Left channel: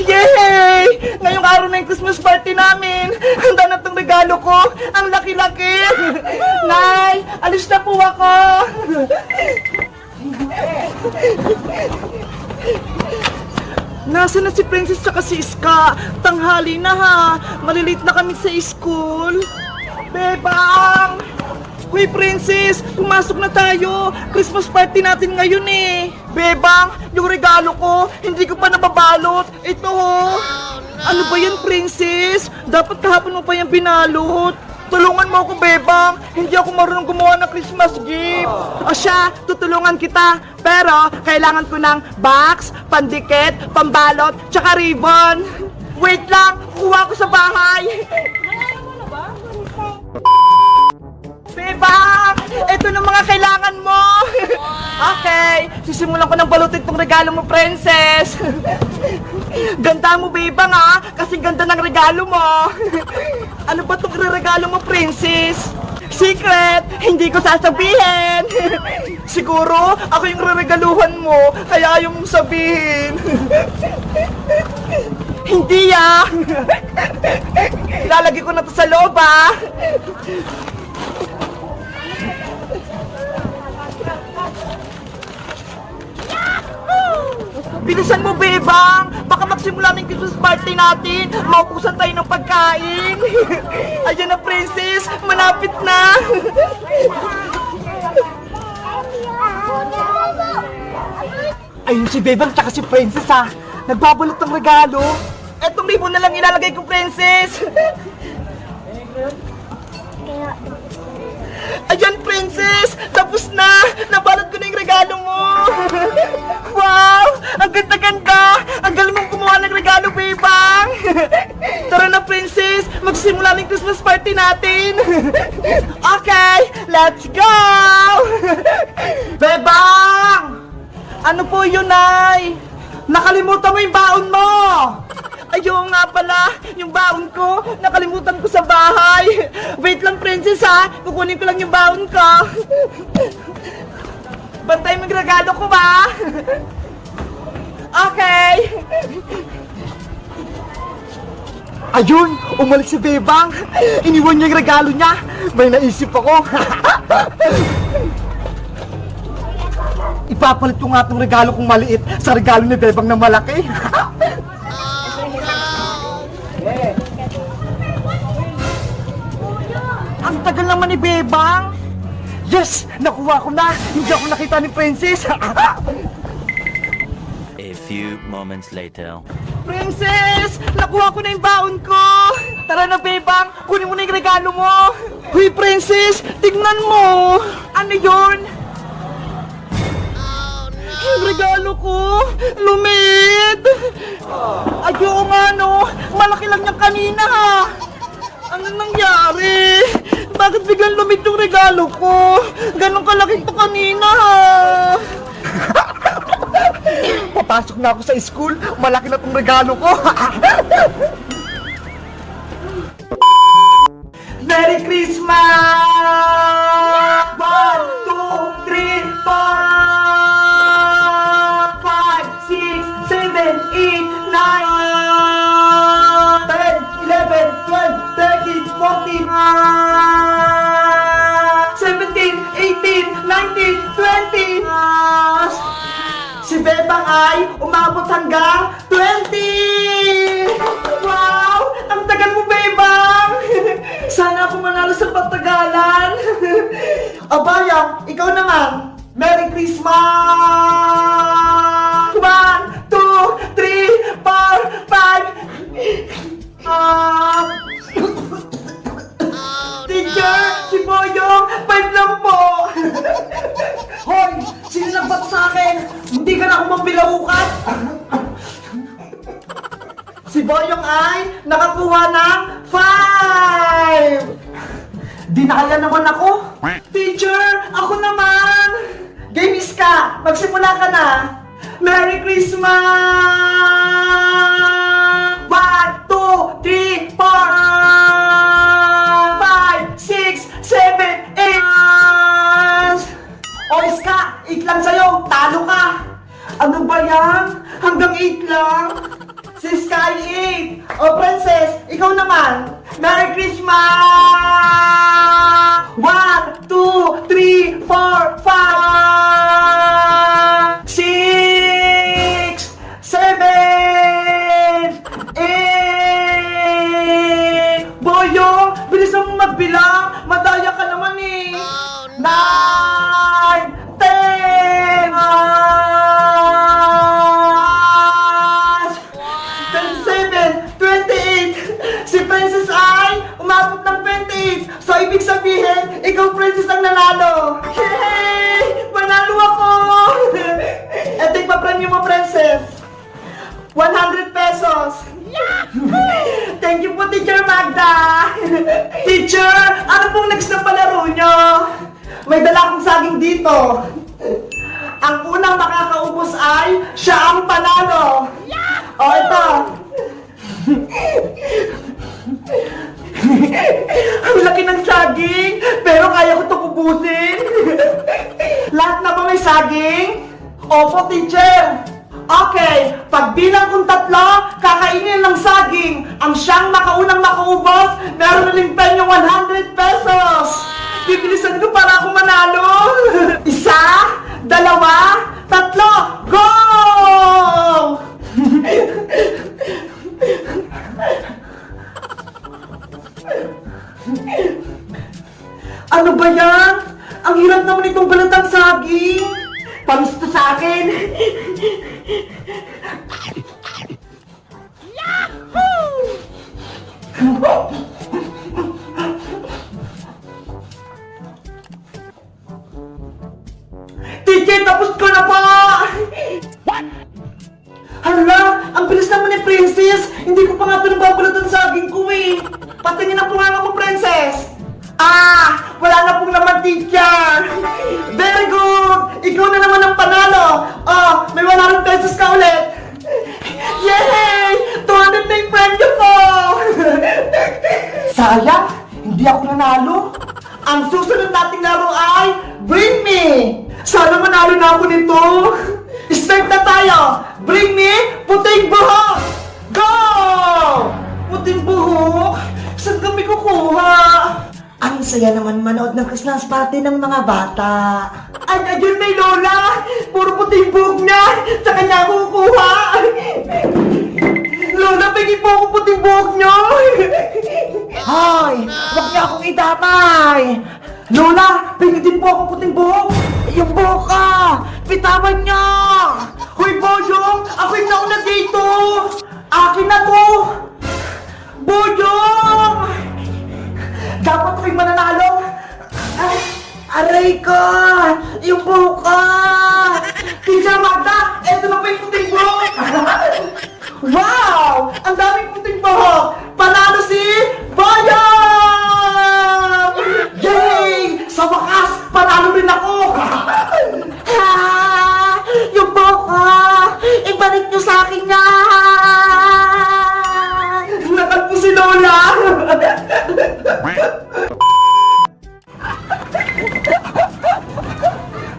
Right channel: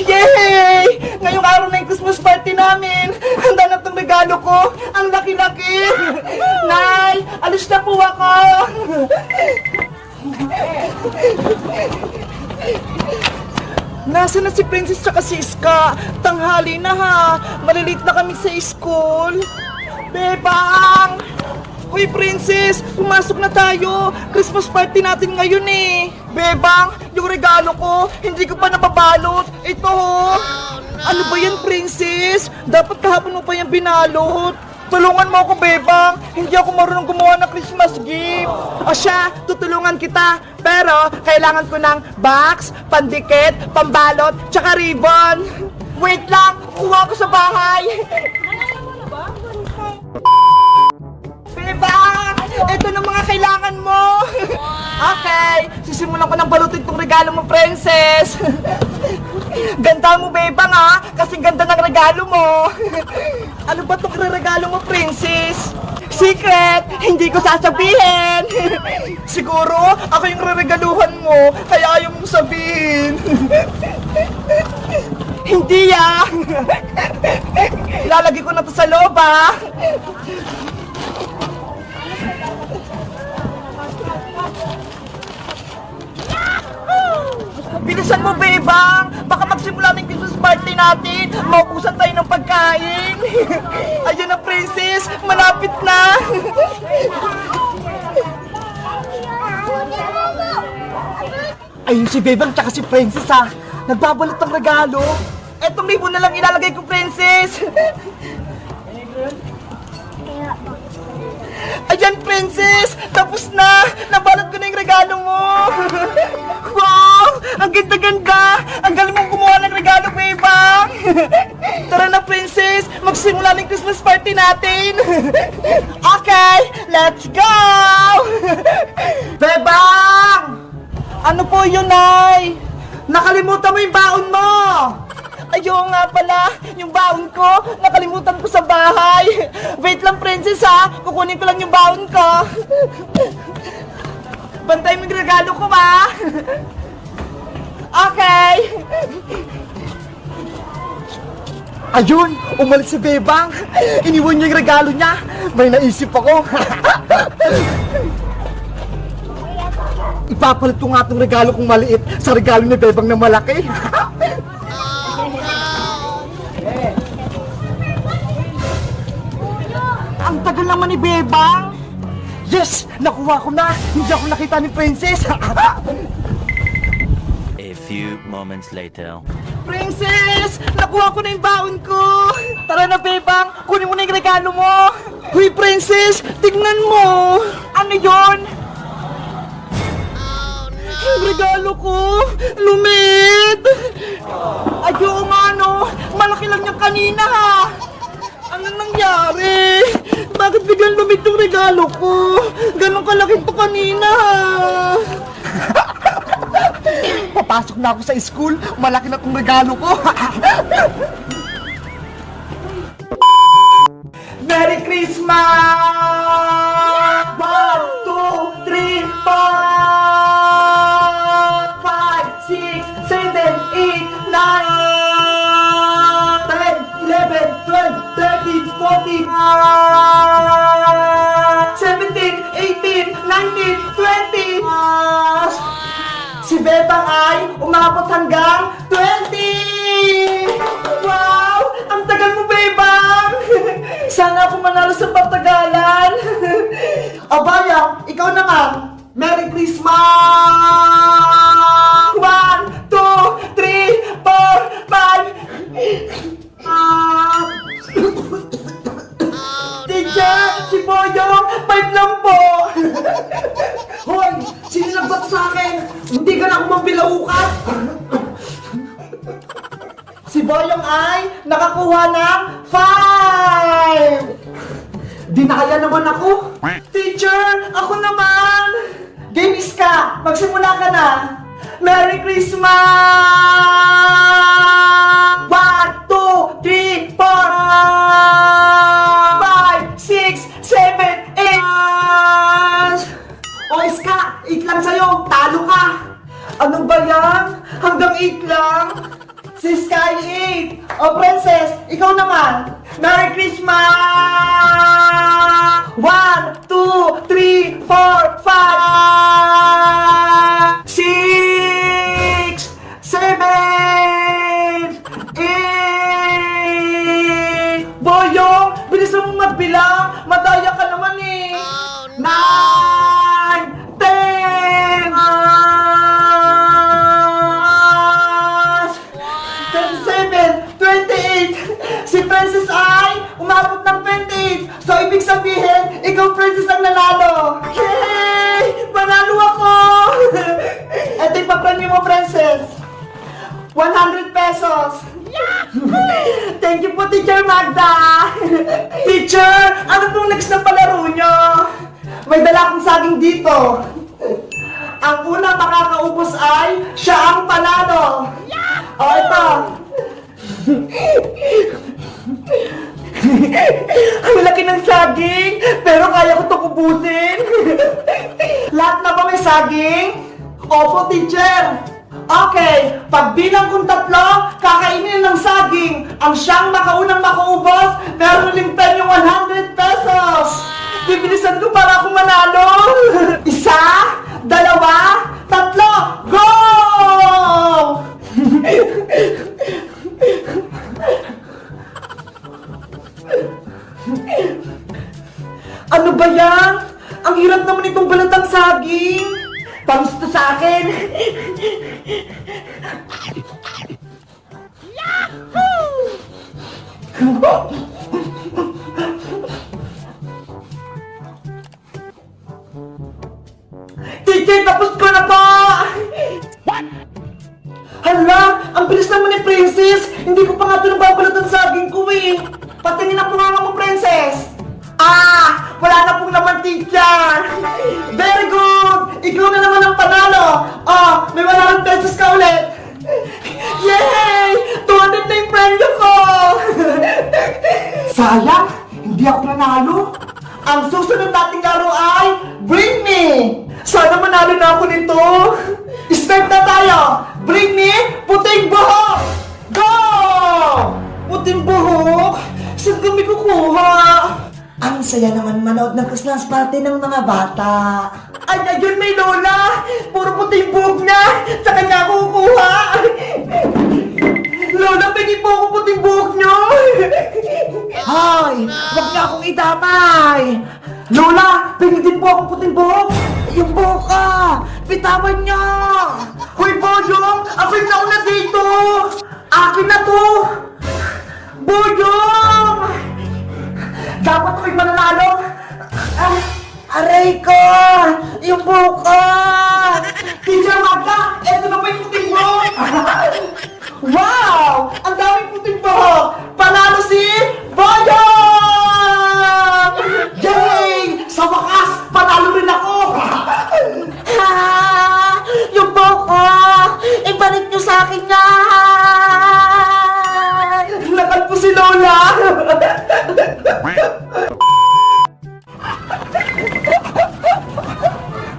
Yay! Ngayong araw na yung Christmas party namin. Handa na itong regalo ko. Ang laki-laki. Nay, alis na po ako. Nasaan na si Princess saka si Iska? Tanghali na ha. Malilate na kami sa school. Bebang! Uy, Princess! Pumasok na tayo! Christmas party natin ngayon eh! Bebang! Yung regalo ko, hindi ko pa nababalot! Ito ho! Ano ba yan, Princess? Dapat kahapon mo pa yan binalot! Tulungan mo ako, Bebang! Hindi ako marunong gumawa ng Christmas gift! O siya, tutulungan kita! Pero, kailangan ko ng box, pandikit, pambalot, tsaka ribbon! Wait lang! Kuha ko sa bahay! Bebang! Ito na mga kailangan mo! Okay, sisimulan ko ng balutin tong regalo mo, Princess! Ganda mo, Bebang, ha? Kasi ganda ng regalo mo! Ano ba itong regalo mo, Princess? Secret! Hindi ko sasabihin! Siguro, ako yung reregaluhan mo, kaya ayaw mong sabihin! Hindi, ah! Lalagay ko na to sa loob, ah! Bilisan mo, Bebang! Baka magsimula ng Christmas party natin! Maupusan tayo ng pagkain! Ayan na, Princess! Malapit na! Ayun si Bebang tsaka si Princess, ha! Nagbabalot ng regalo! Etong libon na lang ilalagay ko, Princess! Ayan, Princess! Tapos na! Nabalot ko na yung regalo mo! Wow! Ang ganda-ganda! Ang galing mong gumawa ng regalo, Bebang! Tara na, Princess! Magsimula ng Christmas party natin! Okay! Let's go! Bebang! Ano po yun, Nay? Nakalimutan mo yung baon mo! Ayaw nga pala, yung baon ko, nakalimutan ko sa bahay. Wait lang, Princess, ha? Kukunin ko lang yung baon ko. Bantay mo yung regalo ko, ba? Okay. Ayun, umalis si Bebang. Iniwan niya yung regalo niya. May naisip ako. Ipapalit ko nga itong regalo kong maliit sa regalo ni Bebang na malaki. Ang tagal naman ni Bebang. Yes! Nakuha ko na! Hindi ako nakita ni Princess! A few moments later. Princess! Nakuha ko na yung baon ko! Tara na, Bebang! Kunin mo na yung regalo mo! Huy, Princess! Tignan mo! Ano yon? Yung regalo ko! Lumit! Ayaw nga, no! Malaki lang yung kanina, ha! Ano nangyari? Bakit biglang lumit yung regalo ko? Ganon kalaki to kanina, ha? Papasok na ako sa school, malaki na tong regalo ko. Merry Christmas! 1, 2, 3, 4, 5, 6, 7, 8, 9, 10, 11, 12, 13, 14, 17, 18, 19, 20. Si Bebang ay umabot hanggang 20! Wow! Ang tagal mo, Bebang! Sana ako manalo sa patagalan! Abayang, ikaw naman! Merry Christmas! 1, 2, 3, 4, 5... Teacher! Si Boyong! 5 lang po! Hoy! Sino nagbat sa akin? Hindi ka na ako mambilaukat! Si Boyong ay nakakuha ng 5! Di nakaya naman ako! Teacher! Ako naman! Games ka! Magsimula ka na! Merry Christmas! 1, 2, 3, 4, 5, 6, 7, 8! Oyes ka! 8 lang sa'yo! Talo ka! Ano ba yan? Hanggang 8 lang? Si the sky 8. Oh, princess, ikaw naman. Merry Christmas! 1, 2, 3, 4, 5, 6, 7, 8. Boyong, bilisan mo magbilang. Madaya ka naman eh. 9, 10, 27, 28. Si Princess ay umabot ng 28. So, ibig sabihin, ikaw, Princess, ang nanalo. Yay! Manalo ako! Eto yung papremyo mo, Princess. 100 pesos. Thank you po, Teacher Magda. Teacher, ano pong next na palaro nyo? May dala akong saging dito. Ang unang makakaubos ay siya ang panalo. O, ito. Ang laki ng saging, pero kaya ko itong ubusin. Lahat na ba may saging? Opo, teacher. Okay, pagbilang kong 3, kakainin ng saging. Ang siyang makaunang makaubos, meron uling penyong 100 pesos. Bibilisan ko para ako manalo. 1, 2, 3, go! Ano ba yan? Ang hirap naman itong balatang saging. Pamis to sa akin. Titi, tapos ko na po! What? Hala, ang bilis naman ni Princess. Hindi ko pa nga ito nababalot ang saging ko eh. Patingin ang punganga mo, Princess. Ah, wala na pong naman, teacher. Very good. Ikaw na naman ang panalo. Oh, may 100 pesos ka ulit. Yay! 200 na yung premyo ko. Sayang, hindi ako nanalo. Ang susunod nating laro ay Bring Me. Sana manalo na ako nito. Start na tayo. Bring me puting buhok. Go! Puting buhok? Saan kami kukuha? Ang saya naman manood ng Christmas party ng mga bata. Ay, ayun may lola! Puro puting buhok na! Sa kanya ako kukuha! Lola, pagi po ako puting buhok nyo! Hoy! Huwag niya akong idamay! Lola, pinitin po akong puting buhok! Yung buhok ka! Pitawan niya! Hoy, Boyong! Ako yung nauna dito! Akin na to! Boyong! Dapat ako'y mananalo! Ah, aray ko! Yung buhok ko! Teacher Magda! Eto na pa yung puting buhok! Wow! Ang daming puting buhok! Panalo si Boyong! Yay! Sa wakas, panalo rin ako! Ha! Yung buhok ko! Ibalik niyo sa akin yan! Nakalpo si Lola!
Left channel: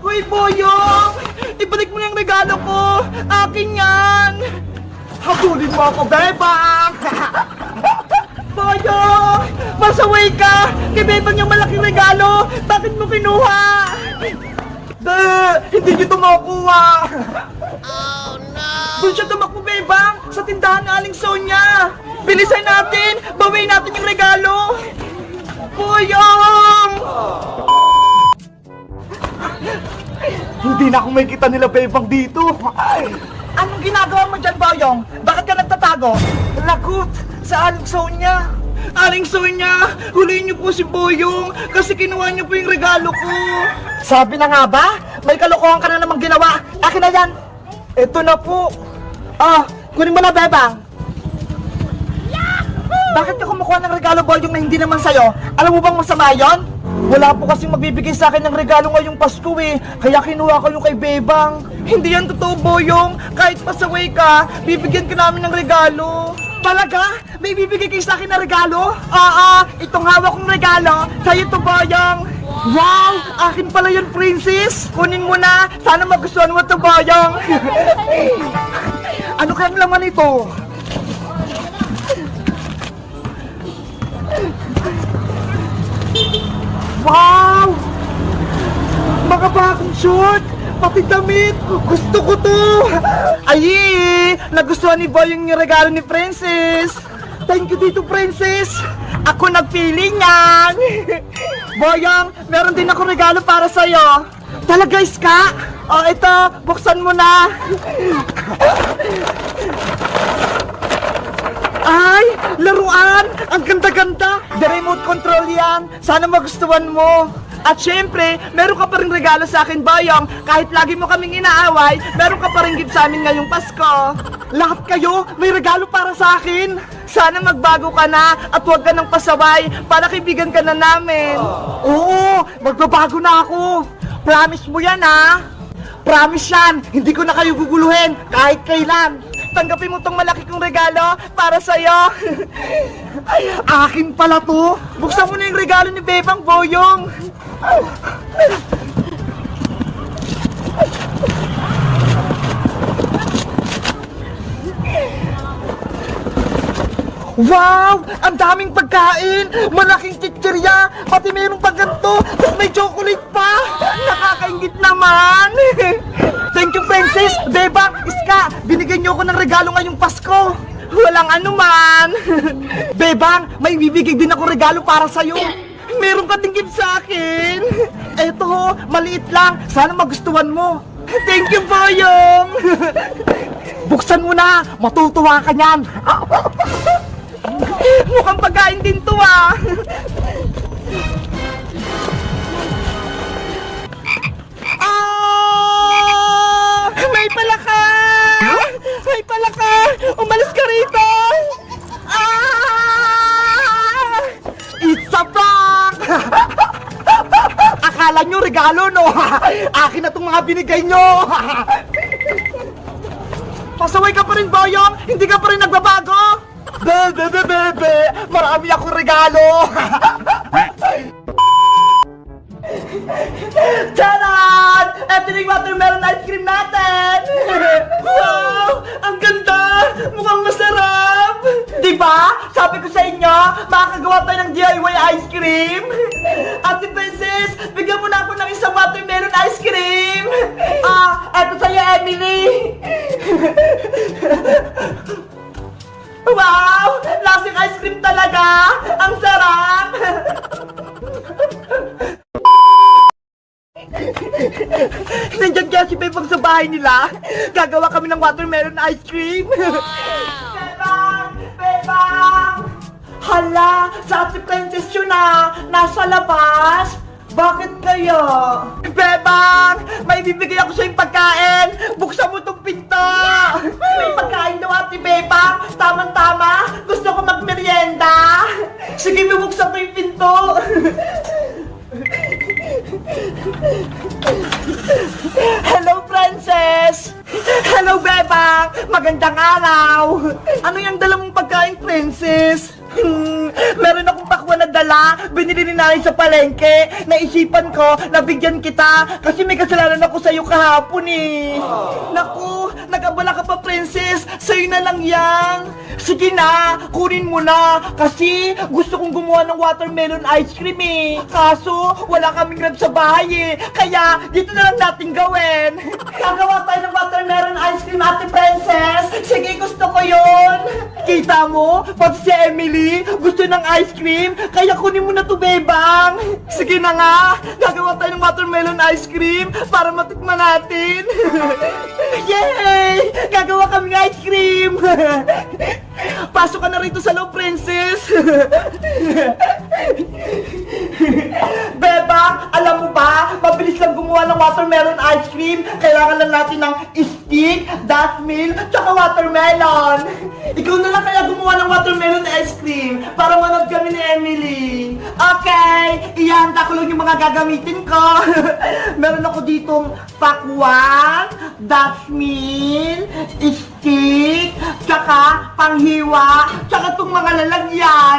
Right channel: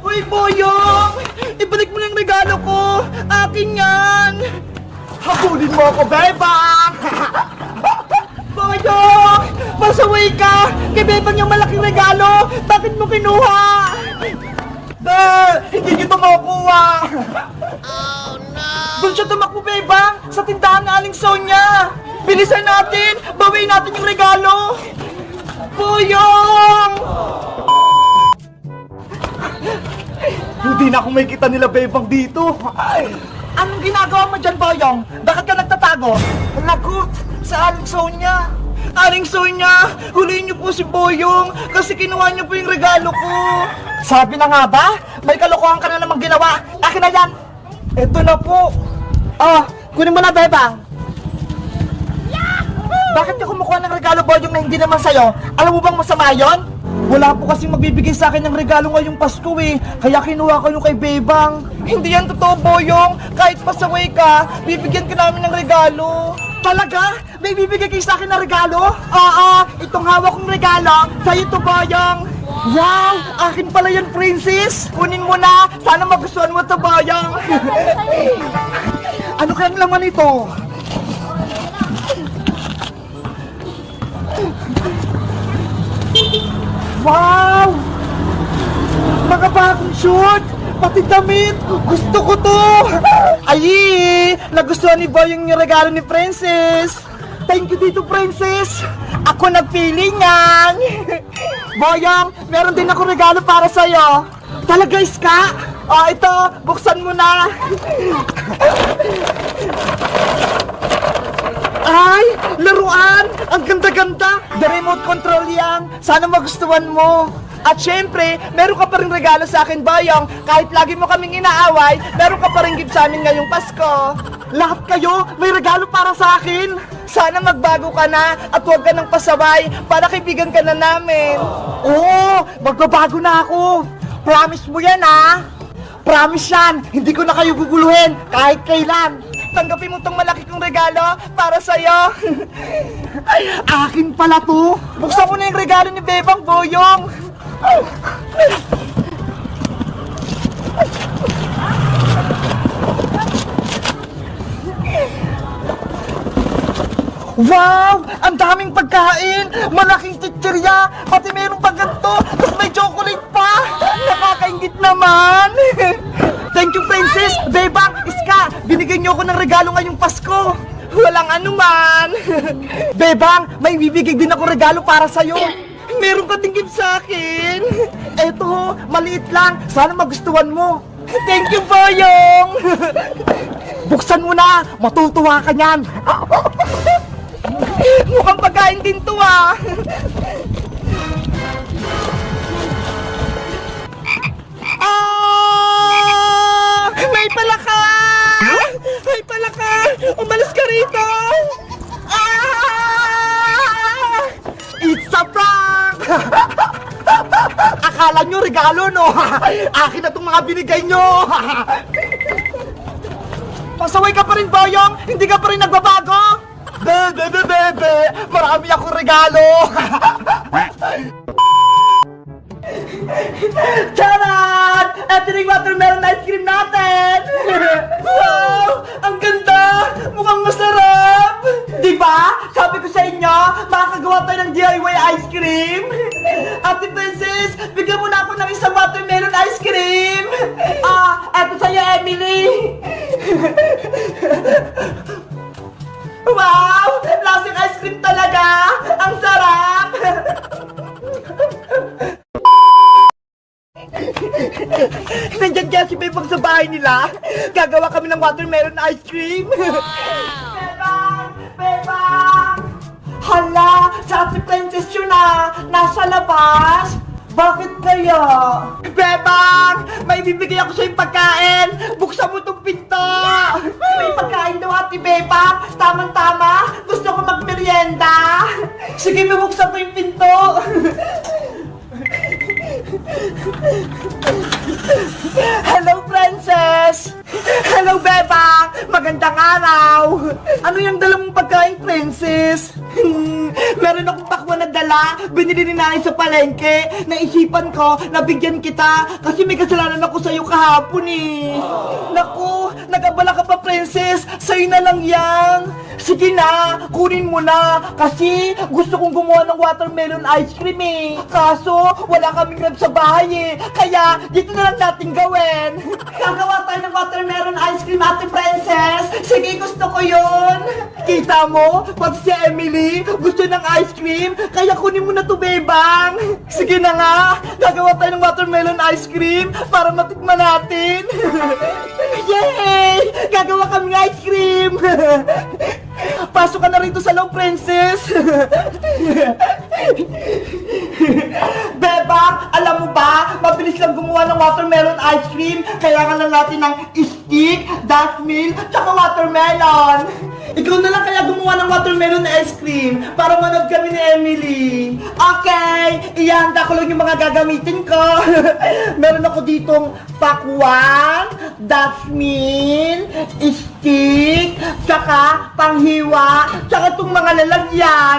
Uy, Boyong! Ibalik mo yung regalo ko! Akin yan! Habulin mo ako, Bebang! Boyong! Masaway ka! Kay Bebang yung malaking regalo! Bakit mo kinuha? Hindi nyo ito makukuha! Oh, no! Doon siya tumakbo, Bebang! Sa tindahan ng Aling Sonia! Bilisan natin! Bawiin natin yung regalo! Boyong! Hindi na ako may kita nila, Bebang, dito! Anong ginagawa mo dyan, Boyong? Bakit ka nagtatago? Lagot sa Aling Sonia! Aling Sonia, huliin niyo po si Boyong kasi kinuha niyo po yung regalo ko. Sabi na nga ba? May kalokohan ka na namang ginawa. Akin na yan. Ito na po. Oh, kunin mo na, Bebang. Bakit ka kumukuha ng regalo, Boyong, na hindi naman sa'yo? Alam mo bang masama yon? Wala po kasing magbibigay sa akin ng regalo ngayong Pasko eh. Kaya kinuha ko yung kay Bebang. Hindi yan totoo, Boyong. Kahit pasaway ka, bibigyan ka namin ng regalo. Talaga? May bibigay kayo sa akin na regalo? Oo, itong hawak kong regalo, sa'yo to, Boyong. Wow! Akin pala yun, Princess. Kunin mo na. Sana magustuhan mo to, Boyong. Ano kayang laman ito? bagong short, pati damit, gusto ko to. Ay, nagustuhan ni Boyong yung regalo ni Princess. Thank you dito, Princess. Ako nagpili niyan. Boyong, meron din ako regalo para sa'yo. Talaga, Iska? Oh, ito, buksan mo na. Ay, laruan! Ang ganda-ganda! The remote control yan. Sana magustuhan mo. At syempre, meron ka pa rin regalo sa akin, Boyong. Kahit lagi mo kaming inaaway, meron ka pa rin gift sa amin ngayong Pasko. Lahat kayo, may regalo para sa akin. Sana magbago ka na at huwag ka nang pasaway para kaibigan ka na namin. Oo, magbabago na ako. Promise mo yan, ha? Promise yan, hindi ko na kayo guguluhin kahit kailan. Tanggapin mo tong malaki kong regalo para sa'yo. Ay, akin pala to. Buksan ko na yung regalo ni Bebang, Boyong. Wow! Ang daming pagkain! Malaking chichirya! Pati mayroong pang ganito! Tapos may chocolate pa! Nakakaingit naman! Thank you, Princess! Bebang! Iska! Binigyan niyo ako ng regalo ngayong Pasko! Walang anuman! Bebang! May bibigay din ako regalo para sa'yo! Meron ka din gift sa akin! Eto, maliit lang! Sana magustuhan mo! Thank you, Boyong! Buksan mo na! Matutuwa ka niyan! Mukhang pagkain din to, ah! Ah! May palaka! May palaka! Umalis ka rito! Ah! It's a prank! Akala nyo regalo, no? Akin na itong mga binigay nyo! Pasaway ka pa rin, Boyong! Hindi ka pa rin nagbabago! Bebe! Marami akong regalo! Charan! Ito na yung watermelon ice cream natin! Wow! Ang ganda! Mukhang masarap! Diba? Sabi ko sa inyo, makakagawa tayo ng DIY ice cream! Ate Princess, bigyan mo na ako ng isang watermelon ice cream! Eto sa'yo, Emily! Wow! Lasing ice cream talaga! Ang sarap! Nandiyan kaya si Bebang sa bahay nila. Gagawa kami ng watermelon ice cream. Bebang! Bebang! Hala! Sa Ate Princess yun na! Nasa labas! Bakit kaya? Bebang! May bibigay ako sa'yo pagkain! Buksan mo tong pinto! May pagkain daw, Ate Bebang! Tamang-tama! Gusto ko magmerienda! Sige, bubuksan ko yung pinto! Hello, Princess! Hello, Bebang! Magandang araw! Ano yung dala mong pagkain, Princess? Meron akong pakwan na dala, binili ni nanay sa palengke. Naisipan ko, nabigyan kita, kasi may kasalanan ako sa'yo kahapon eh. Naku, nag-abala ka pa, Princess, sa'yo na lang yan. Sige na, kunin mo na, kasi gusto kong gumawa ng watermelon ice cream eh. Kaso, wala kaming grab sa bahay eh, kaya dito na lang natin gawin. Gagawa tayo ng watermelon ice cream, Ate Princess. Sige, gusto ko yun. Kita mo, pag si Emily gusto ng ice cream, kaya kunin mo na to, Bebang. Sige na nga, gagawa tayo ng watermelon ice cream para matikman natin. Yay! Gagawa kami ng ice cream. Pasok ka na rito sa loob, Princess. Bebang, alam mo ba, mabilis lang gumawa ng watermelon ice cream. Kailangan lang natin ng stick, dasmil, tsaka watermelon. Ikaw na lang kaya gumawa ng watermelon ice cream para manood kami ni Emily. Okay, ihanda ko lang yung mga gagamitin ko. Meron ako ditong pakwan, dasmil, stick, tsaka panghiwa, tsaka itong mga lalagyan.